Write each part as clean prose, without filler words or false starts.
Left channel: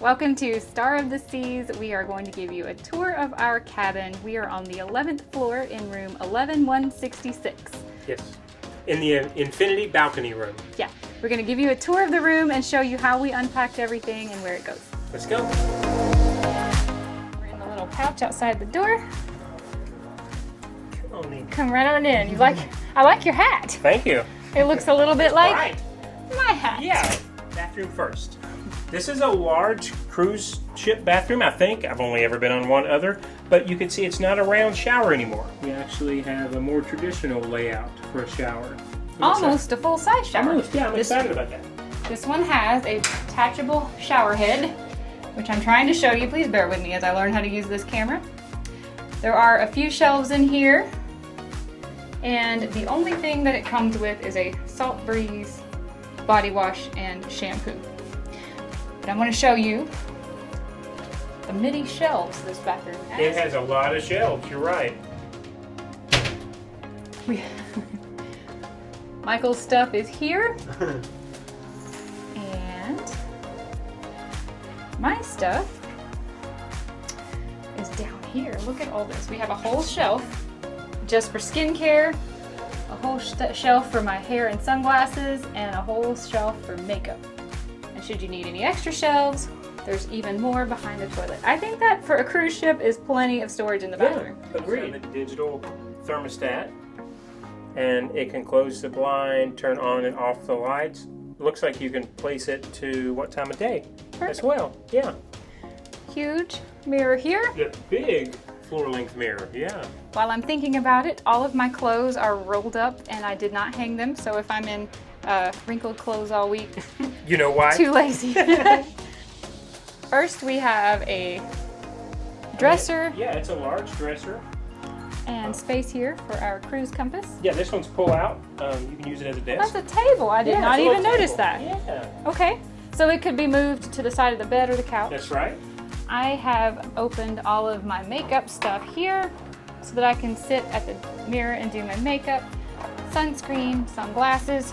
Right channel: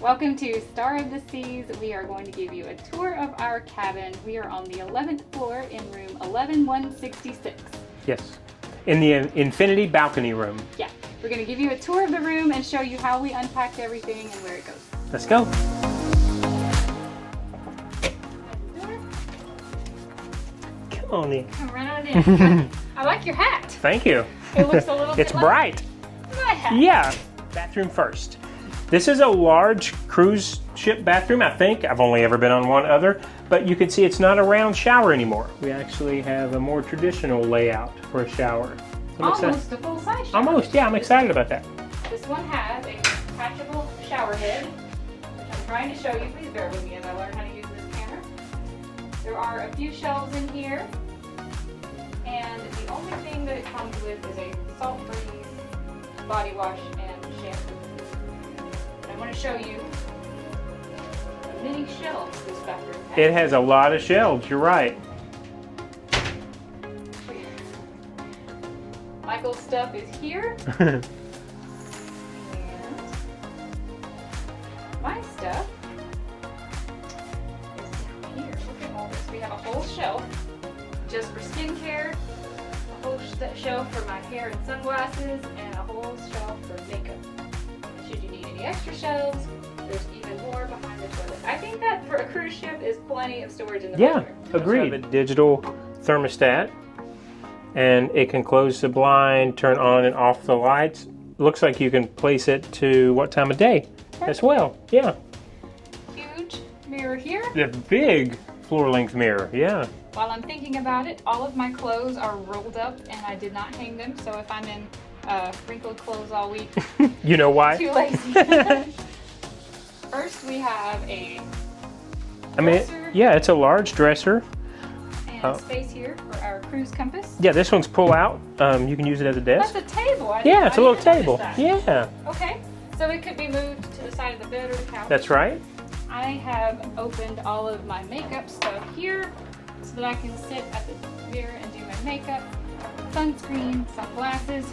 Welcome to Star of the Seas. We are going to give you a tour of our cabin. We are on the 11th floor in room 11166. Yes, in the infinity balcony room. Yeah, we're going to give you a tour of the room and show you how we unpacked everything and where it goes. Let's go. We're in the little pouch outside the door. Come on in. Come right on in. I like your hat. Thank you. It looks a little bit It's like bright. my hat. Yeah, bathroom first. This is a large cruise ship bathroom, I think. I've only ever been on one other, but you can see it's not a round shower anymore. We actually have a more traditional layout for a shower. Almost a full-size shower. Almost, yeah, I'm excited about that. This one has a detachable shower head, which I'm trying to show you. Please bear with me as I learn how to use this camera. There are a few shelves in here, and the only thing that it comes with is a Salt Breeze body wash and shampoo. But I'm going to show you the many shelves this bathroom has. It has a lot of shelves, you're right. Michael's stuff is here. And my stuff is down here. Look at all this. We have a whole shelf just for skincare, a whole shelf for my hair and sunglasses, and a whole shelf for makeup. And should you need any extra shelves, there's even more behind the toilet. I think that for a cruise ship is plenty of storage in the bathroom. Yeah, agreed. A digital thermostat, and it can close the blind, turn on and off the lights. Looks like you can place it to what time of day as well. Yeah. Huge mirror here. The big floor-length mirror, yeah. While I'm thinking about it, all of my clothes are rolled up and I did not hang them, so if I'm in wrinkled clothes all week, You know why? too lazy. First we have a dresser Yeah, it's a large dresser. and space here for our cruise compass. Yeah, this one's pull out. You can use it as a desk. That's a table. I did Yeah, not it's a even little notice table. that. Yeah, Okay, so it could be moved to the side of the bed or the couch. that's right. I have opened all of my makeup stuff here so that I can sit at the mirror and do my makeup, sunscreen, sunglasses,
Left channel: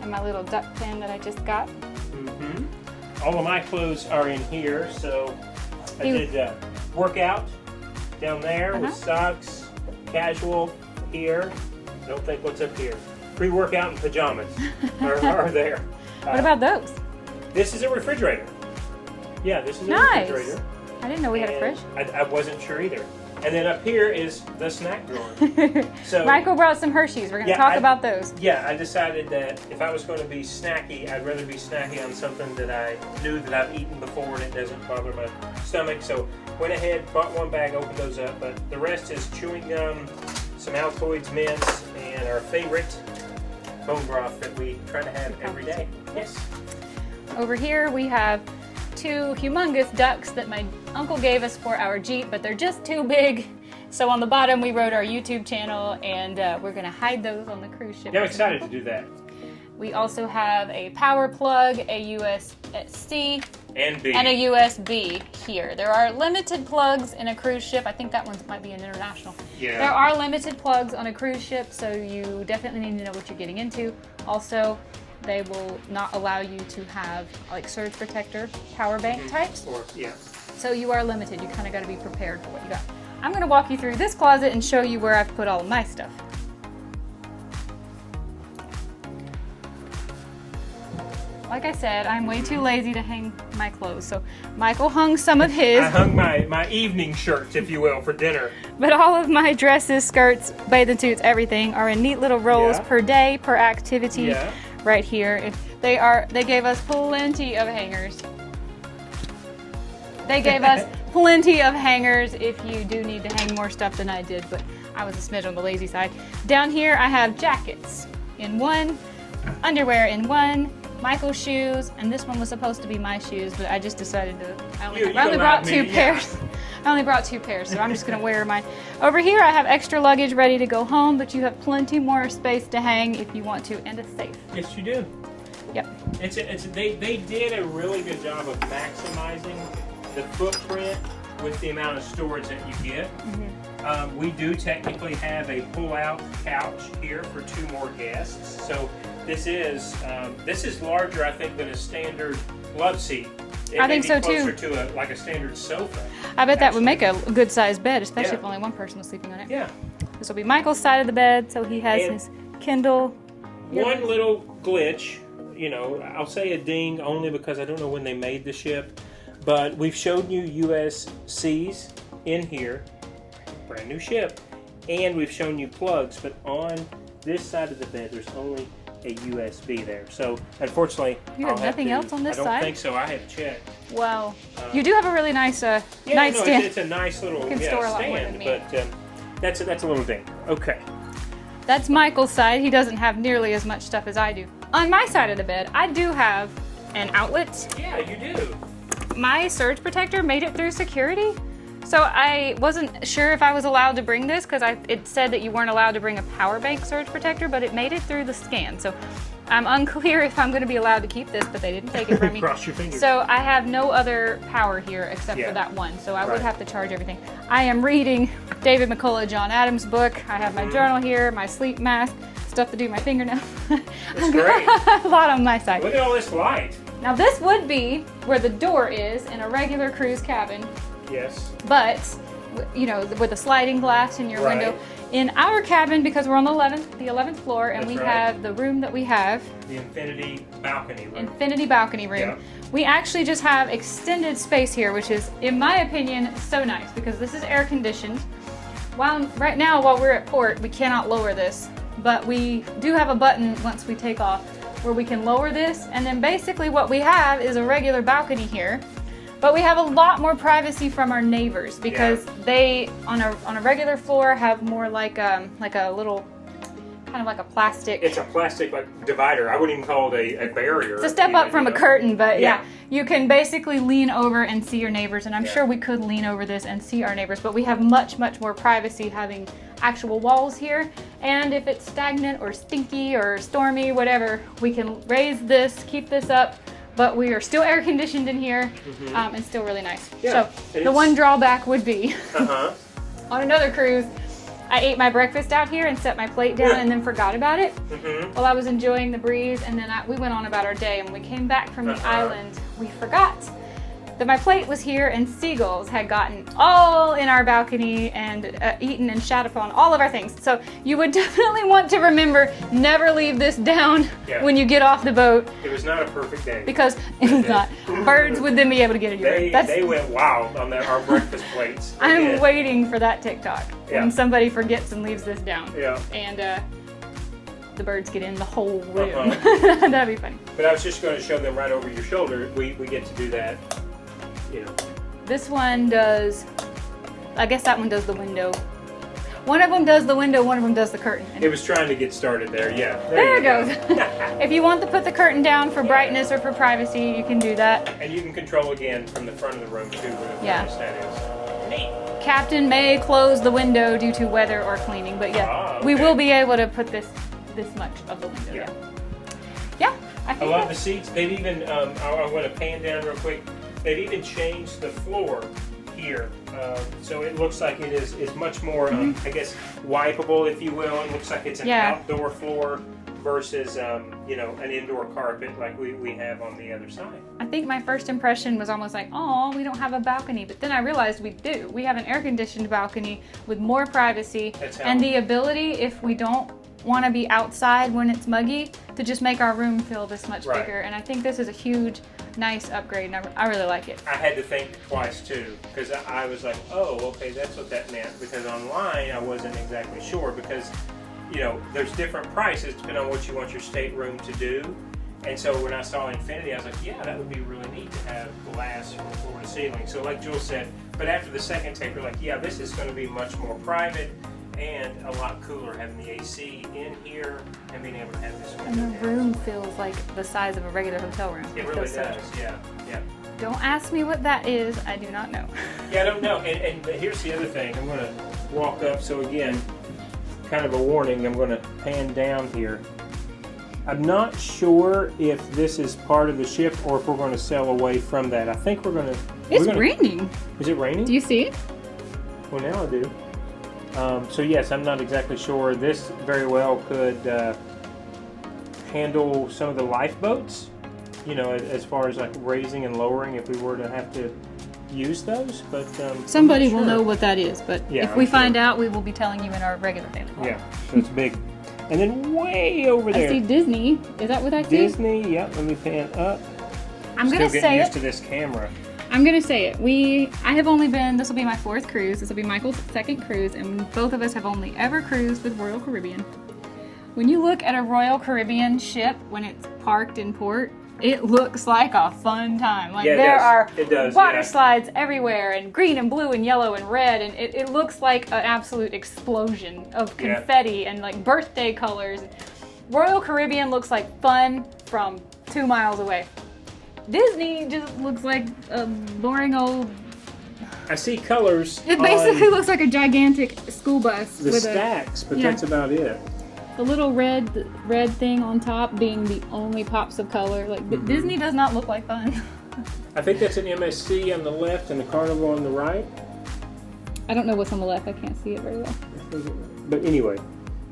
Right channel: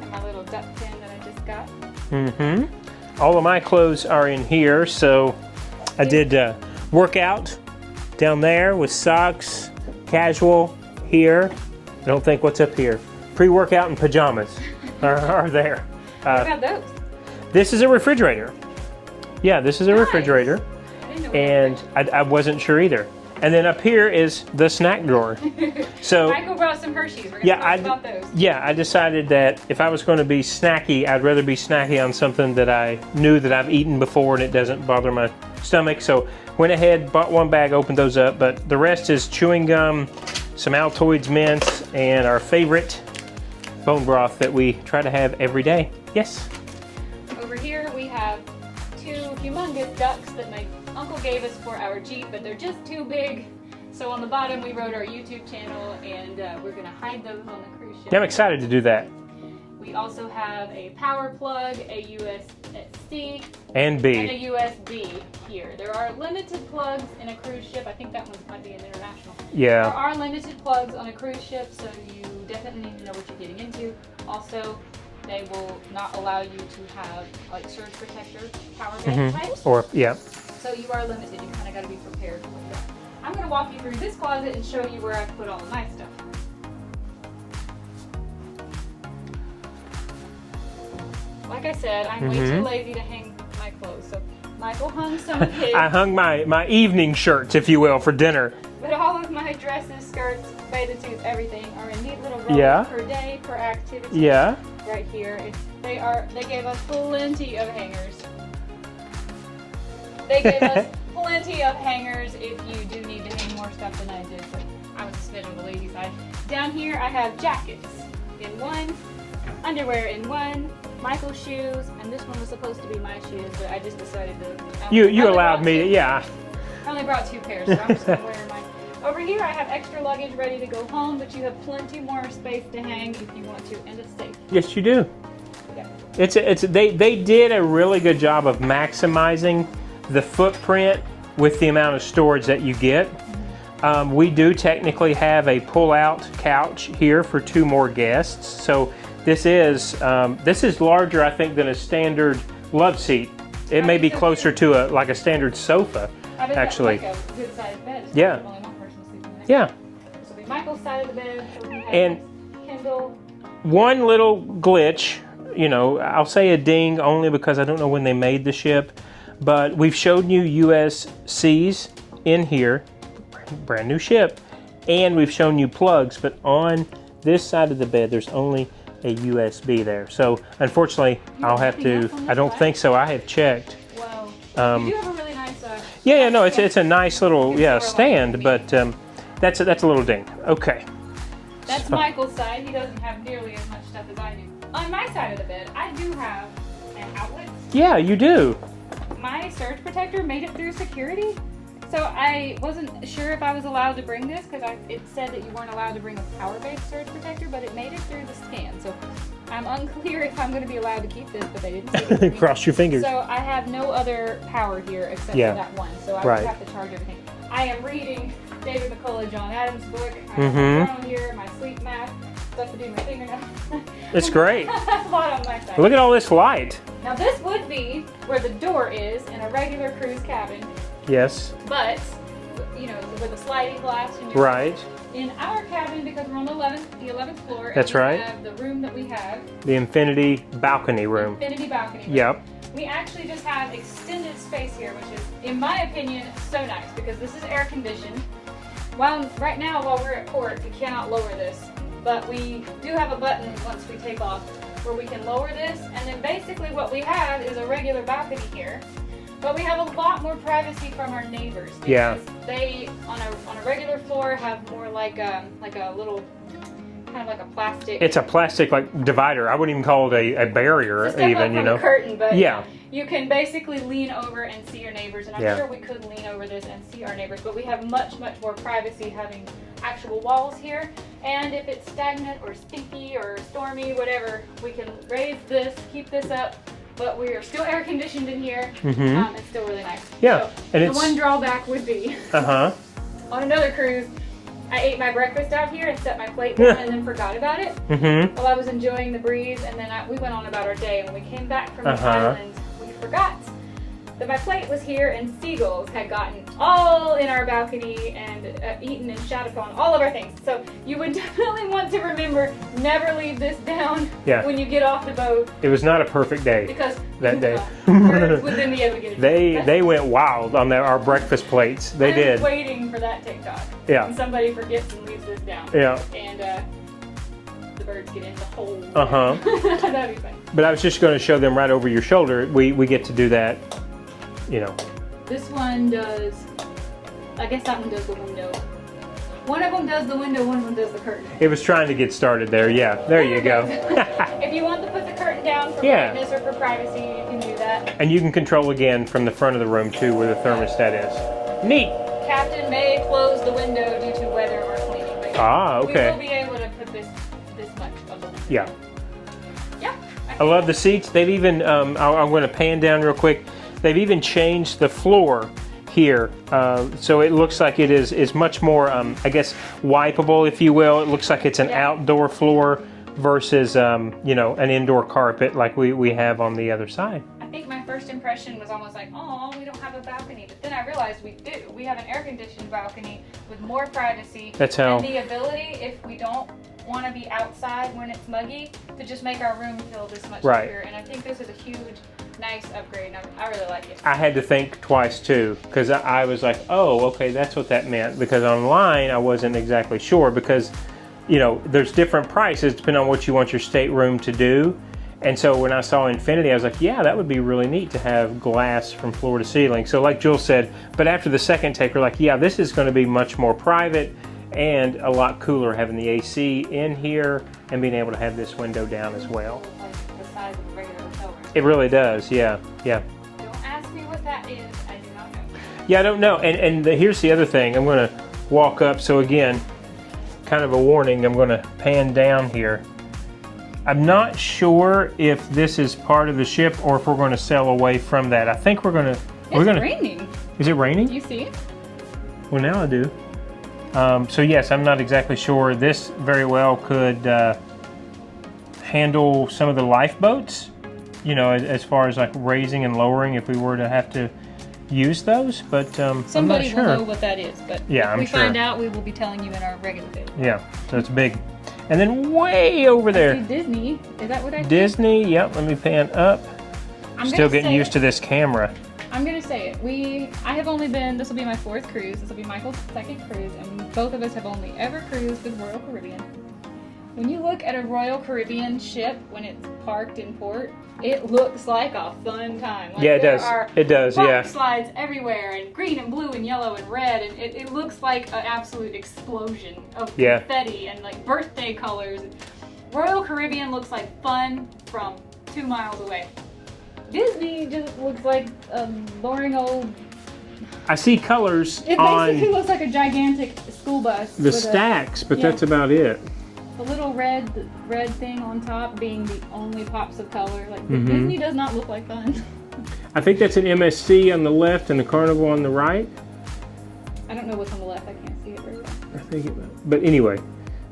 and my little duck pin that I just got. Mm-hmm. All of my clothes are in here, so I did workout down there with socks, casual here. I don't think what's up here. Pre-workout and pajamas are there. What about those? This is a refrigerator. Yeah, this is a Nice. refrigerator, I didn't know we had and I wasn't sure either. And then up here is the snack drawer. So Michael brought some Hershey's. We're going to talk about those. Yeah, I decided that if I was going to be snacky, I'd rather be snacky on something that I knew that I've eaten before and it doesn't bother my stomach. So went ahead, bought one bag, opened those up, but the rest is chewing gum, some Altoids mints, and our favorite bone broth that we try to have every day. Yes. Over here we have two humongous ducks that my uncle gave us for our Jeep, but they're just too big. So on the bottom we wrote our YouTube channel, and we're going to hide those on the cruise ship. Yeah, I'm excited to do that. We also have a power plug, a USB-C, And B. and a USB here. There are limited plugs in a cruise ship. I think that one might be an international. Yeah. There are limited plugs on a cruise ship, so you definitely need to know what you're getting into. Also, they will not allow you to have like surge protector power bank types. Or, yeah. So you are limited. You kind of got to be prepared for what you got. I'm going to walk you through this closet and show you where I've put all of my stuff. Like I said, I'm way too lazy to hang my clothes. So Michael hung some of his. I hung my evening shirts, if you will, for dinner. But all of my dresses, skirts, bathing suits, everything are in neat little rolls Yeah. per day, per activity. Yeah. Right here. They gave us plenty of hangers. They gave us plenty of hangers if you do need to hang more stuff than I did, but I was a smidge on the lazy side. Down here I have jackets in one, underwear in one, Michael's shoes, and this one was supposed to be my shoes, but I just decided to. You only allowed brought me, two yeah. pairs. I only brought 2 pairs, so I'm just gonna wear mine. Over here I have extra luggage ready to go home, but you have plenty more space to hang if you want to, and it's safe. Yes, you do. Yep. They did a really good job of maximizing the footprint with the amount of storage that you get. We do technically have a pull-out couch here for 2 more guests. So this is larger, I think, than a standard love seat It I may be think so, closer too. to like a standard sofa. I bet that would actually. make a good sized bed, especially Yeah. if only one person was sleeping on it. Yeah. This will be Michael's side of the bed, so he has And- his Kindle. One little glitch, you know, I'll say a ding only because I don't know when they made the ship, but we've shown you USCs in here, brand new ship, and we've shown you plugs, but on this side of the bed, there's only a USB there. So unfortunately, You I'll have have nothing to, else on this I don't side? think so, I have checked. Wow. You do have a really nice Yeah, no, nightstand. it's a nice little, can yeah, store a lot stand, more but that's a little ding. Okay. That's Michael's side. He doesn't have nearly as much stuff as I do. On my side of the bed, I do have an outlet. Yeah, you do. My surge protector made it through security, so I wasn't sure if I was allowed to bring this because it said that you weren't allowed to bring a power bank surge protector, but it made it through the scan. So I'm unclear if I'm going to be allowed to keep this, but they didn't take it from me. Cross your fingers. So I have no other power here except Yeah. for that one, so I Right. would have to charge everything. I am reading David McCullough, John Adams' book. I have my journal here, my sleep mask, stuff to do my fingernails. It's great. A lot on my side. Look at all this light. Now this would be where the door is in a regular cruise cabin, Yes. but you know, with a sliding glass in your Right. window. In our cabin, because we're on the 11th floor, and That's we right. have the room that we have, The infinity balcony room. infinity balcony room. Yep. We actually just have extended space here, which is, in my opinion, so nice because this is air conditioned. Right now, while we're at port, we cannot lower this, but we do have a button once we take off where we can lower this, and then basically what we have is a regular balcony here. But we have a lot more privacy from our neighbors because they, on a regular floor, have more like a little, kind of like a plastic. It's a plastic like divider. I wouldn't even call it a barrier. It's a step even, up from you know? a curtain, but Yeah. yeah, you can basically lean over and see your neighbors, and I'm Yeah. sure we could lean over this and see our neighbors, but we have much, much more privacy having actual walls here, and if it's stagnant or stinky or stormy, whatever, we can raise this, keep this up, but we are still air conditioned in here, and still really nice. Yeah, So and the it's- one drawback would be, Uh-huh. on another cruise, I ate my breakfast out here and set my plate down and then forgot about it. Mm-hmm. While I was enjoying the breeze, and then we went on about our day, and when we came back from the island, we forgot that my plate was here, and seagulls had gotten all in our balcony and eaten and shat upon all of our things. So you would definitely want to remember, never leave this down Yeah. when you get off the boat, It was not a perfect day. because That it's day. not. Birds would then be able to get it. They went wild on our breakfast plates. They I'm did. waiting for that TikTok. Yeah. When somebody forgets and leaves this down. Yeah. And the birds get in the whole room. That'd be funny. But I was just going to show them right over your shoulder. We get to do that, you know. This one does, I guess that one does the window. One of them does the window, one of them does the curtain. It was trying to get started there. Yeah. There you it go. goes. If you want to put the curtain down for Yeah. brightness or for privacy, you can do that. And you can control again from the front of the room too, where the Yeah. thermostat is. Neat. Captain may close the window due to weather or cleaning, but yeah, we okay. will be able to put this much of the window. Yeah. Yeah. I love the seats. They've even, I'm going to pan down real quick. They've even changed the floor here. So it looks like it is much more, I guess, wipeable, if you will. It looks like it's an Yeah. outdoor floor versus, you know, an indoor carpet like we have on the other side. I think my first impression was almost like, oh, we don't have a balcony. But then I realized we do. We have an air-conditioned balcony with more privacy. That's how- And the ability, if we don't want to be outside when it's muggy, to just make our room feel this much Right. bigger. And I think this is a huge, nice upgrade. And I really like it. I had to think twice too, because I was like, oh, okay, that's what that meant. Because online, I wasn't exactly sure, because, you know, there's different prices depending on what you want your stateroom to do. And so when I saw Infinity, I was like, yeah, that would be really neat to have glass from floor to ceiling. So like Jules said, but after the second take, we're like, yeah, this is going to be much more private and a lot cooler having the AC in here and being able to have this window down as room well. feels like the size of a regular hotel room. It really does, yeah, yeah. Don't ask me what that is. I do not know. Yeah, I don't know. And here's the other thing. I'm going to walk up. So again, kind of a warning. I'm going to pan down here. I'm not sure if this is part of the ship or if we're going to sail away from that. I think we're going to. It's raining. Is it raining? Do you see it? Well, now I do. So yes, I'm not exactly sure. This very well could handle some of the lifeboats. you know, as far as like raising and lowering if we were to have to use those, but somebody I'm not will sure. know what that is, but Yeah, if I'm we find sure. out, we will be telling you in our regular daily vlog. Yeah, so it's big. And then way over I there, see Disney. Is that what that is? Disney. Yep, let me pan up. I'm Still gonna getting say used it. to this camera. I'm gonna say it. I have only been, this will be my 4th cruise. This will be Michael's 2nd cruise, and both of us have only ever cruised with Royal Caribbean. When you look at a Royal Caribbean ship when it's parked in port, it looks like a fun time. Like Yeah, it there does. are It does, water yeah. slides everywhere, and green and blue and yellow and red, and it looks like an absolute explosion of Yeah. confetti and like birthday colors. Royal Caribbean looks like fun from 2 miles away. Disney just looks like a boring old. I see colors It on basically looks like a gigantic school bus. the with stacks, but yeah. that's about it. the little red thing on top being the only pops of color. Like Mm-hmm. Disney does not look like fun. I think that's an MSC on the left and the Carnival on the right. I don't know what's on the left. I can't see it very well. I think but anyway,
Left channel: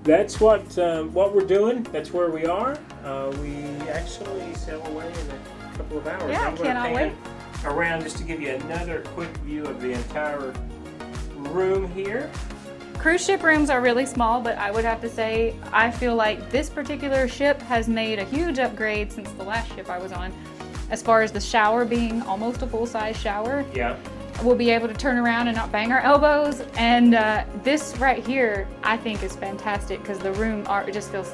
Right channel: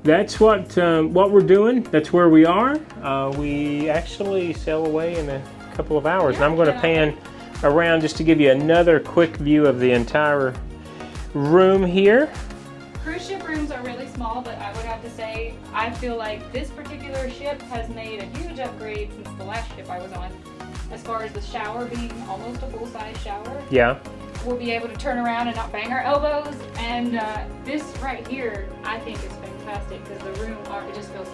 that's what we're doing. That's where we are. We actually sail away in a couple of hours. Yeah, and I'm going to cannot pan around just to give you another quick view of the entire room here. Cruise ship rooms are really small, but I would have to say I feel like this particular ship has made a huge upgrade since the last ship I was on. As far as the shower being almost a full-size shower, Yeah. we'll be able to turn around and not bang our elbows. And this right here, I think, is fantastic because the room it just feels.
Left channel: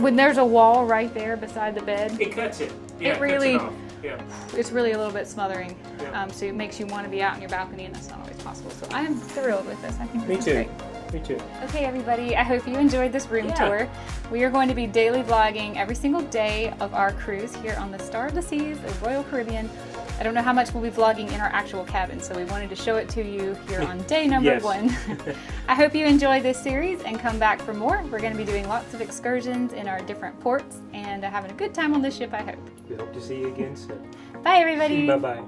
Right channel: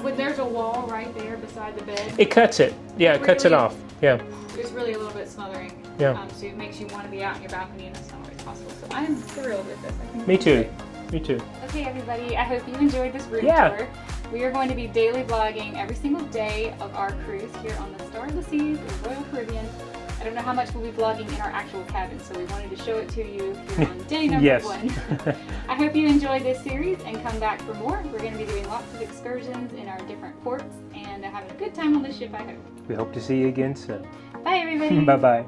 When there's a wall right there beside the bed, It cuts it. Yeah, It it cuts it really- off. Yeah. it's really a little bit smothering. Yeah. So it makes you want to be out in your balcony, and that's not always possible. So I am thrilled with this. I think Me it's too. great. Me too. Okay, everybody, I hope you enjoyed this room Yeah. tour. We are going to be daily vlogging every single day of our cruise here on the Star of the Seas of Royal Caribbean. I don't know how much we'll be vlogging in our actual cabin, so we wanted to show it to you here on day number Yes. 1. I hope you enjoyed this series and come back for more. We're going to be doing lots of excursions in our different ports and having a good time on the ship, I hope. We hope to see you again soon. Bye, everybody. Bye-bye.